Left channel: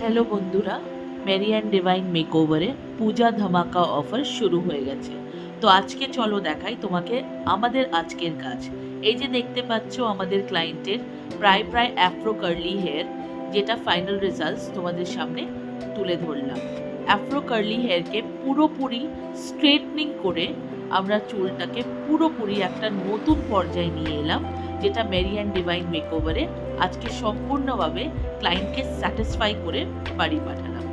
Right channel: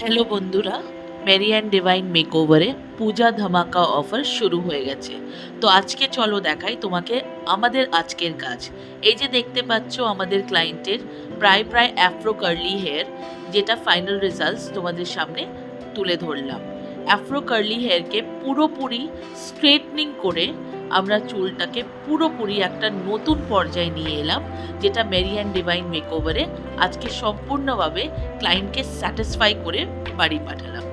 Hello বন্ধুরা, Mary and divine মেকওভারে পূজা ধামাকা offer শুরু হয়ে গেছে। তো আজকে চলো দেখাই তোমাকে আমাদের আজকের কাজ। এই যে দেখতে পাচ্ছ আমাদের ক্লায়েন্টের প্রায় অ্যাফ্রো কার্লি হেয়ার, যেটা ফাইনাল রেজাল্টস তোমাদের সামনে তুলে ধরলাম। অ্যাফ্রো কার্লি হেয়ারকে পুরোপুরি স্ট্রেটনিং করে আমরা চুলটাকে পুরোপুরি একটা নতুন পর্যায়ে নিয়ে এলাম, যেটা মেরি অ্যান্ড ডিভাইন মেকওভারে আজকে সম্পূর্ণভাবে ক্লায়েন্টকে স্যাটিসফাই করে বাড়ি পাঠালাম।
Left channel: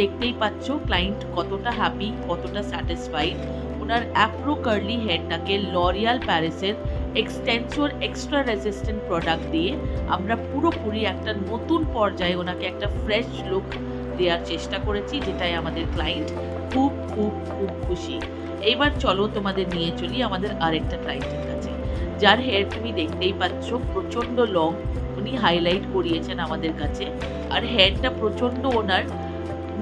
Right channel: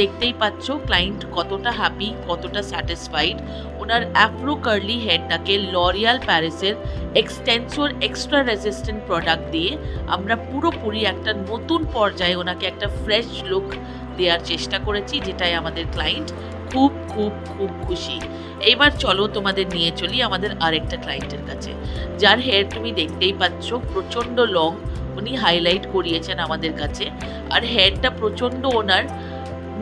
দেখতেই পাচ্ছ ক্লায়েন্ট কতটা হ্যাপি, কতটা স্যাটিসফাইড। ওনার অ্যাফ্রো কার্লি হেয়ারটাকে লরিয়াল প্যারিসের এক্সটেন্সোর এক্সট্রা রেজিস্ট্যান্ট প্রোডাক্ট দিয়ে আমরা পুরোপুরি একটা নতুন পর্যায়ে ওনাকে একটা ফ্রেশ লুক দেওয়ার চেষ্টা করেছি, যেটাই আমাদের ক্লায়েন্ট খুব খুব খুব খুশি। এবার চলো তোমাদের নিয়ে চলি আমাদের আরেকটা ক্লায়েন্টের কাছে, যার হেয়ার তুমি দেখতেই পাচ্ছ প্রচণ্ড লং। উনি হাইলাইট করিয়েছেন আমাদের কাছে, আর হেয়ারটা প্রচণ্ড ওনার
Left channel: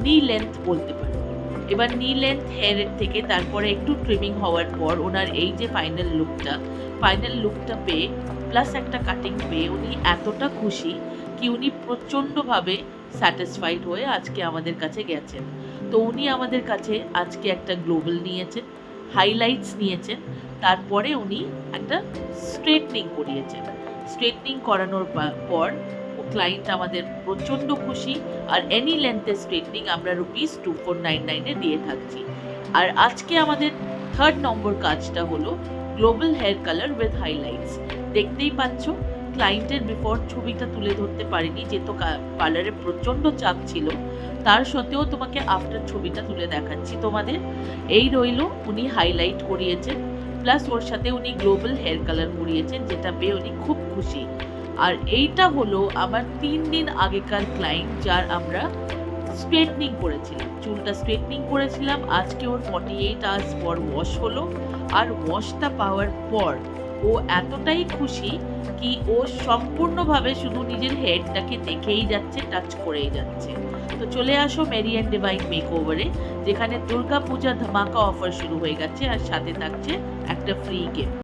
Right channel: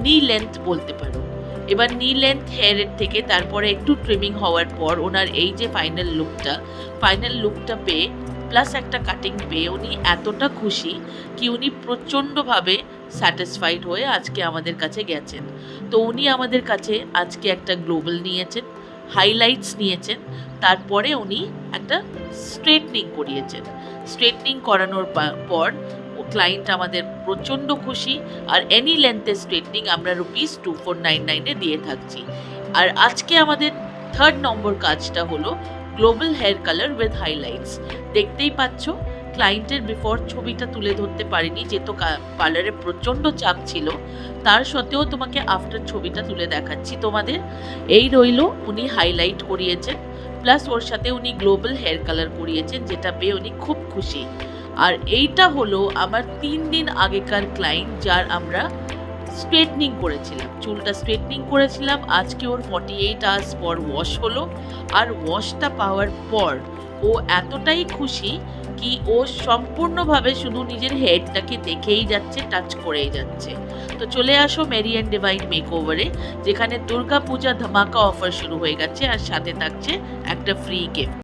নি লেন্থ বলতে পারো। এবার নি লেন্থ হেয়ারের থেকে তারপরে একটু ট্রিমিং হওয়ার পর ওনার এই যে ফাইনাল লুকটা পেয়ে প্লাস একটা কাটিং পেয়ে উনি এতটা খুশি কি উনি প্রচণ্ডভাবে স্যাটিসফাইড হয়ে আজকে আমাদের কাছে গেছেন। তো উনি আমাদের কাছে আজকে একটা গ্লোবাল নিয়েছেন, হাইলাইটস নিয়েছেন, তারপরে উনি একটা স্ট্রেটনিং করিয়েছেন। স্ট্রেটনিং করানোর পর ও ক্লায়েন্ট আমাদের প্রচণ্ড খুশি। আর এনি লেন্থের স্ট্রেটনিং আমরা ₹2499 দিয়ে থাকছি। আর আজকে আমাদের থার্ড নম্বর কাজটা হলো global hair colour with highlights. দেখতেই পাচ্ছ ক্লায়েন্টের বিফোর ছবিটা তুলে ধরতে পারিনি, যেহেতু পার্লারে প্রচণ্ড চাপ ছিল। তার সত্ত্বেও তোমাকে আফটার ছবিটা তুলে দেখাচ্ছি তোমাদের। এই রইল, উনি হাইলাইট করিয়েছেন প্লাস ওর সাথে উনি গ্লোবাল হেয়ার কালার করিয়েছেন, যেটা পেয়ে উনি খুব খুশি। আর এইটা হলো আমার 3 দিন আগেকার ক্লায়েন্ট, যার আমরা স্ট্রেটনিং করেছিলাম, চুলটা স্ট্রেটনিং করেছিলাম। আজকে ওর 48 আওয়ার্স পর ওয়াশ হলো, আর ওয়াশটা পাওয়ার পর ও এতটাই খুশি কি ও সম্পূর্ণভাবে শুধু নিজের হেয়ারটাকে দেখেই যাচ্ছে, টাচ করেই যাচ্ছে। তো চলে আসো মেরি অ্যান্ড ডিভাইন মেকওভারে, যেখানে দুর্গা পূজা ধামাকা অফার শুরু হয়ে গেছে, আর সাথে থাকছে একটা ফ্রি গিফট।